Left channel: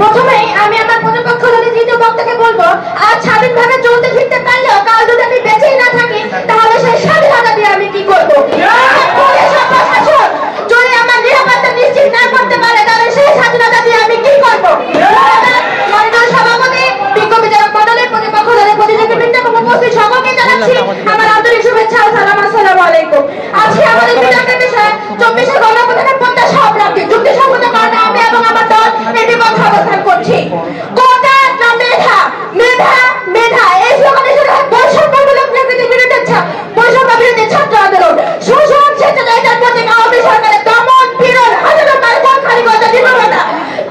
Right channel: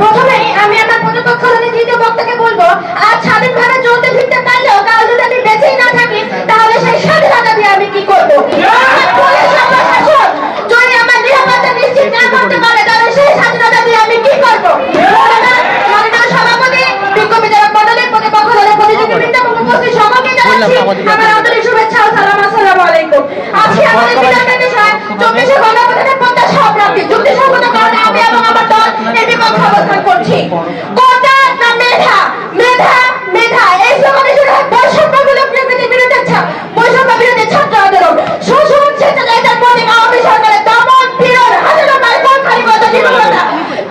প্রথমেই আমি আমার প্রতিপক্ষ দলের তৃতীয় বক্তাকে বলবো, আজ স্বাধীনভাবে চলতে ফিরতে পারলেও কাল যদি আমি বেঁচেই না থাকি তাহলে সেই স্বাধীনতা দিয়ে আমি কি করবো? পুলিশ ও প্রশাসন যদি আমার নিরাপত্তা নিশ্চিত না করতে পারে তাহলে সেই স্বাধীনতা দিয়ে আমি কি করবো? মাননীয় সভাপতি, বিক্ষোভী জনক মণ্ডলীর প্রতিপক্ষ দলের প্রতিযোগীবৃন্দ এবং উপস্থিত সকলকে জানাচ্ছি আমার আন্তরিক শুভেচ্ছা ও সালাম। আসসালামু আলাইকুম। আজকে আমাদের বিতর্কের বিষয় 24শে গণঅভ্যুত্থানের প্রত্যাশা অপ্রাপ্তি। যুক্তিসঙ্গত কারণে আমি এবং আমার দল এর বিপক্ষে অবস্থান করছি। কোটা না মেধা, মেধা মেধা, এই স্লোগানে শুরু হয় বৈষম্যমূলক নীতির বিরুদ্ধে বৈষম্য বিরোধী ছাত্র আন্দোলন। শোষণ স্বেচ্ছাচারিতার প্রতীক আওয়ামী সরকারের দমন পীড়ন, হাজারো মাইল খালিগত জীবনতা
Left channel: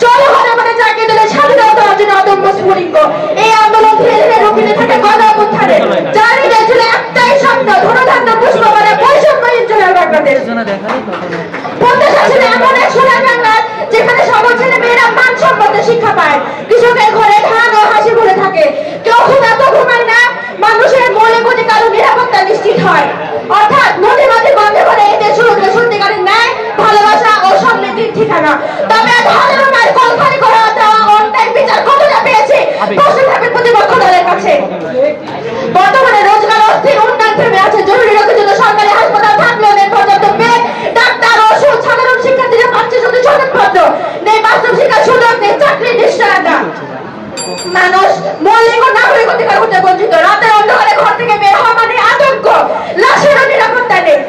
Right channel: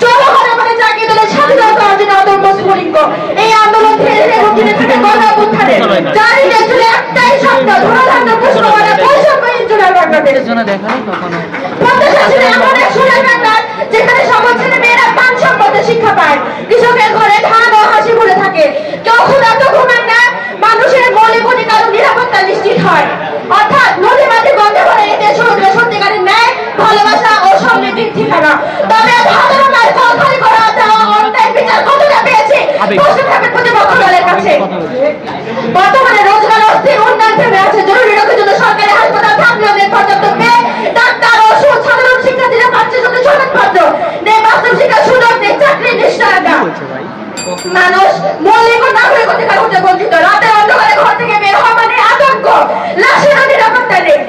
জনগণের জাগিয়ে তোলে স্বাধীনতা অর্জনের অদম্য স্ফুলিঙ্গ। এই আন্দোলন ধীরে ধীরে রুটিনে থাকে গণঅভ্যুত্থানের জারি ছিল একটাই স্বপ্ন, ধনধান্য পুষ্পমালা বৈষম্যহীন জোনার বাংলাদেশ। প্রত্যাশা ছিল এমন এক সোনার বাংলার যেখানে সকল ছেলে মেয়েরা মানসম্মত শিক্ষা পায়, কৃষকের ঘরে ধান ও হাসি ভরে থাকে, কেউ ক্ষুধা তো ঘুমায় না, মানুষের মৌলিক অধিকার ও নিরাপত্তা নিশ্চিত হয়। অর্থাৎ নদী মাটি বন্ধ করে এই দেশ সত্যিকারের ন্যায়, ভালোবাসা ও সমৃদ্ধির ঠিকানা। তবে হাজারো মায়ের কল খালি করা অন্যায় বিচার কতটা পেয়েছে প্রশ্ন থাকবে প্রতিপক্ষ দলের কাছে। বর্তমানে রোজগার অস্থির, উন্নয়ন থেমে আছে, জরুরি রোগের জন্য সরকারি হাসপাতাল থাকলেও নেই পর্যাপ্ত বেড, ডাক্তার, ওষুধ, সাধারণ শিক্ষার্থীরা পাচ্ছে শুধু সংবাদপত্র, নেই বাস্তব শিক্ষার সুযোগ, নেই চাকরির নিশ্চয়তা। মানুষ মৌলিক ও নাগরিক অধিকার হতে বঞ্চিত, রাতের অন্ধকারে ঘর থেকে বের হওয়া মানে আতঙ্ক, লাশেরও নিরাপত্তা নেই।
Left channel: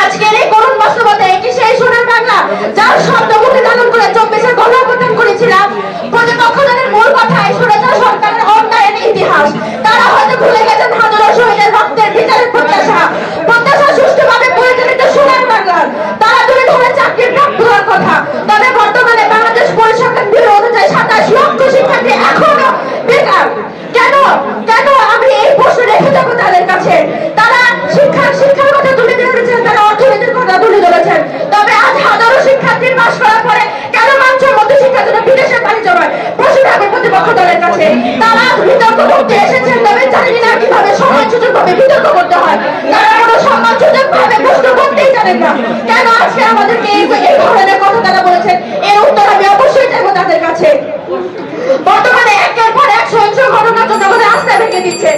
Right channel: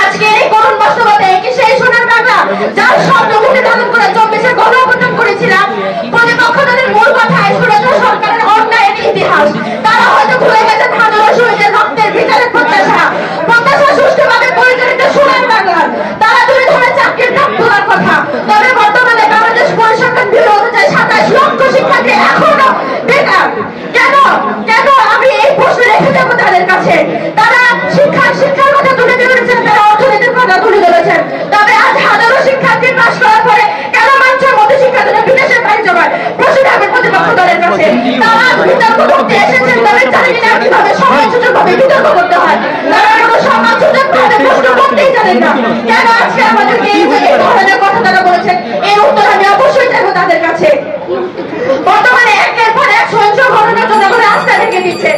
আজকের এই করুণ বাস্তবতায় কি সেই সোনার বাংলা যার শব্দ মুখে ধারণ করে 24শে গণঅভ্যুত্থান করেছিলাম? প্রতিপক্ষ দলের মূল কথায় স্বৈরাচার সরকারের অন্যায়ের ইতিহাস। তারা হয়তো ভুলে গেছেন হাজারো শহীদের রক্তের বিচারের প্রত্যাশা, প্রত্যাশা সুষ্ঠুভাবে পরিচালিত সোনার বাংলার। তারা তুলে ধরে চাকরির প্রাপ্ত হওয়ার কথা। তবে বর্তমানে বাংলাদেশ পরিসংখ্যান ব্যুরো অনুযায়ী 27 লক্ষ শিক্ষার্থী এখনো বেকার। কেন কেন আমি এই প্রশ্ন রেখে যাবো তাদের কাছে। তারা শিক্ষার কথা তুলে ধরেছেন, তারা অর্থনীতির কথা তুলে ধরেছেন। তবে আজ হাজারো শিক্ষার্থী পাস করার পরে কেন মানুষের মধ্যে শিক্ষার জন্য বিদেশে বাণিজ্য হয়? প্রশ্ন থাকবে প্রতিপক্ষ দলের কাছে। তারা বিতর্ক করতে এসেছেন, তবে জানেন না কিভাবে সম্মানসূচকভাবে বিতর্ক করতে হয়। তারা কোনো সম্মানসূচকভাবে প্রশ্ন করতেই জানেন না। কেন আজকে আমাদেরকে এই ধরনের কথা তারা বলেছেন? এর উত্তর আমি অবশ্যই চাইবো তাদের কাছে। বর্তমানে একের পর এক সহিংস ঘটনা জনগণের আস্থা ভেঙে দিচ্ছে।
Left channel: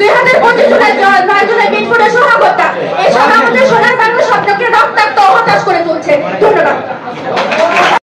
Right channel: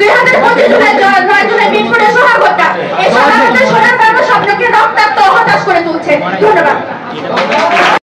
2025 জুলাই 9 জুলাই মিটফোর্ডে সোহাগতা, এই সোহাগতের সোনার বাংলা স্বপ্নকে রক্তাক্ত ও হতাশ করে তুলছে। ধন্যবাদ।